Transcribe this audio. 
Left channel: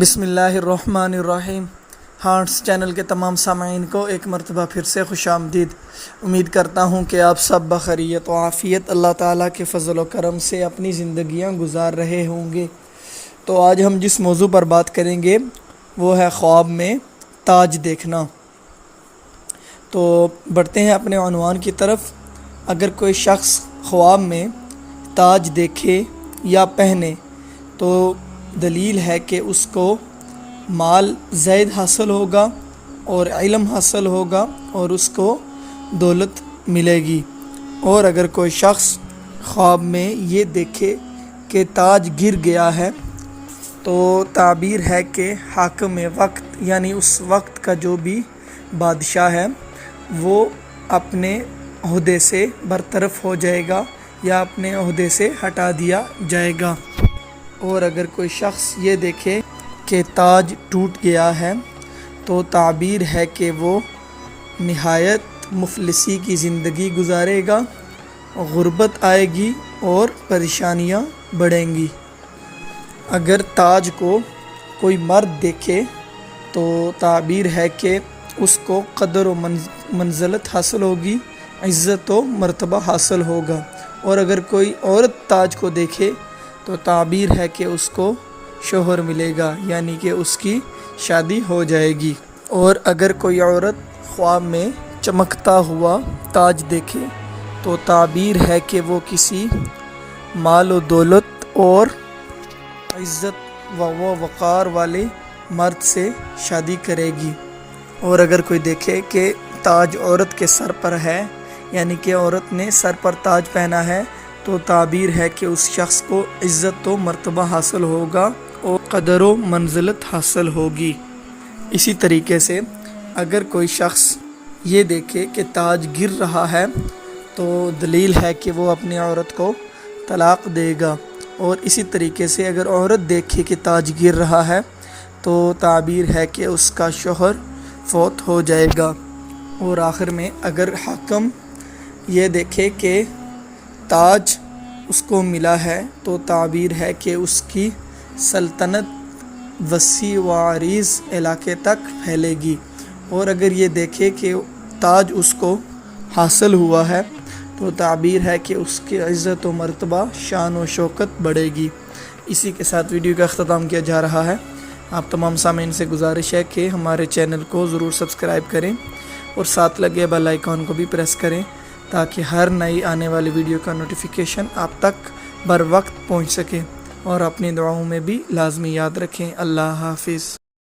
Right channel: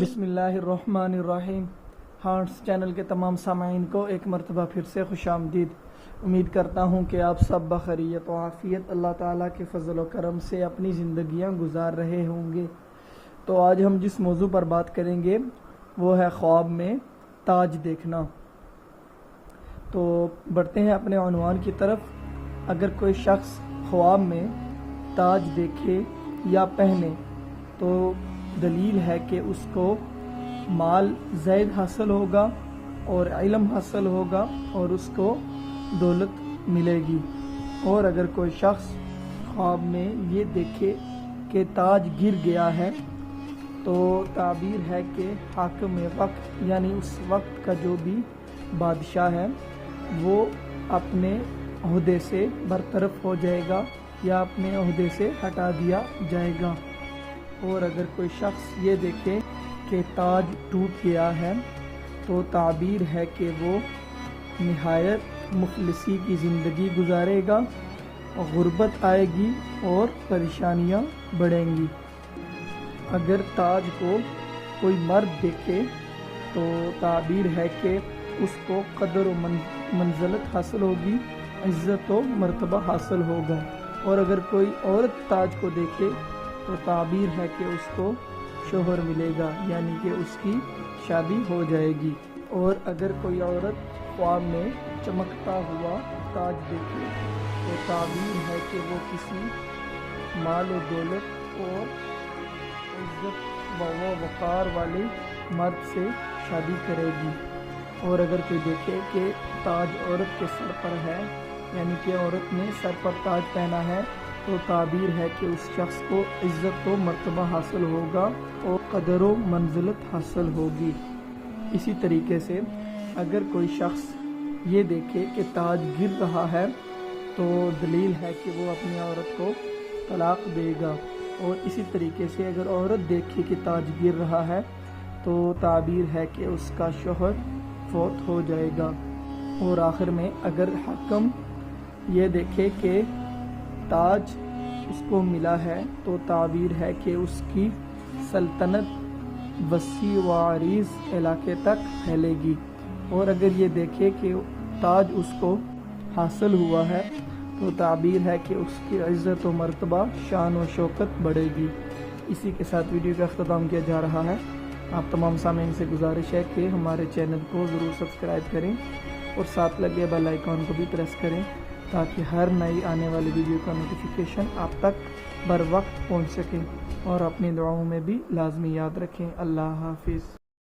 بسم اللہ الرحمن الرحیم۔ ہارٹس چینل کے تمام سامعین کو ایک مرتبہ پھر سے خوش آمدید۔ امید کرتا ہوں کہ آپ سب بخیریت و عافیت اللہ تعالیٰ کے فضل و کرم سے اپنی زندگیاں گزار رہے ہوں گے۔ تو آج ہم جس موضوع پر بات کریں گے وہ ہے خواب میں تاج دیکھنا۔ تو بڑھتے ہیں اپنے عنوان کی طرف۔ اگر کوئی شخص خواب میں تاج دیکھے یا پہنے تو دلیل ہے کہ اس کو مال زائد حاصل ہوگا اور علم حاصل ہوگا اور اس کو دولت ملے گی۔ اور اگر کوئی شخص خواب میں یہ دیکھے کہ تاج گر گیا ہے تو تعبیر ہے کہ حاکم وقت یعنی اس وقت کا جو بھی بادشاہ ہے وہ اپنے عہدے سے برطرف ہو جائے گا یا اپنے عہدے سے ہٹا دیا جائے گا۔ اور اگر کوئی شخص یہ دیکھے کہ تاج ٹوٹ گیا ہے تو تعبیر ہے کہ وہ نہایت مفلسی کی زندگی گزارے گا، غربت آئے گی اور پریشانیاں بڑھیں گی۔ اگر تاج کو کوئی مرد دیکھے تو تعبیر ہے کہ اس کو قدر و منزلت حاصل ہوگی، عزت و مرتبہ حاصل ہوگا۔ اور اگر کوئی عورت تاج کو دیکھے تو تعبیر ہے کہ اس کو شوہر ملے گا، یعنی کہ اس کی شادی ہو جائے گی۔ اور اگر کوئی عورت خواب میں چمکتا ہوا تاج دیکھے تو تعبیر ہے کہ وہ کسی مال و دولت اور عزت و وقار والے مرد سے شادی کرے گی۔ اور اگر کوئی دیکھے کہ تاج عورت کے سر پر ہے، یعنی کہ عورت نے سر پر تاج پہنا ہے، تو تعبیر ہے کہ اس شخص کو عزت و مرتبہ حاصل ہوگا اور قدر و منزلت حاصل ہوگی۔ اسی طریقے سے اگر کوئی شخص یہ دیکھے کہ تاج گر رہا ہے تو دلیل ہے کہ وہ اپنی عورت کو طلاق دے گا۔ اور اسی طریقے سے اگر عورت دیکھے کہ تاج گر رہا ہے تو تعبیر ہے کہ اس کا شوہر فوت ہو جائے گا۔ اور آخر میں اگر حاکم یہ دیکھے کہ تاج اس کو ملا ہے تو تعبیر ہے کہ اس کی سلطنت وسیع و عریض علاقے تک پھیلے گی۔ اور اگر یہ دیکھے کہ تاج اس کو حاصل ہوا ہے تو تعبیر ہے کہ اس کی عزت و مرتبہ شان و شوکت بڑھے گی۔ اسی کے ساتھ ویڈیو کا اختتام کیا جا رہا ہے۔ آپ تمام سامعین سے گزارش ہے کہ ہمارے چینل کو ضرور سبسکرائب کریں اور ساتھ لگے بیل آئیکن کو بھی پریس کریں تاکہ ہر نئی آنے والی ویڈیو کا نوٹیفیکیشن آپ تک بر وقت پہنچ سکے۔ اور اپنی دعاؤں میں بھی لازمی یاد رکھیں۔ اللہ حافظ۔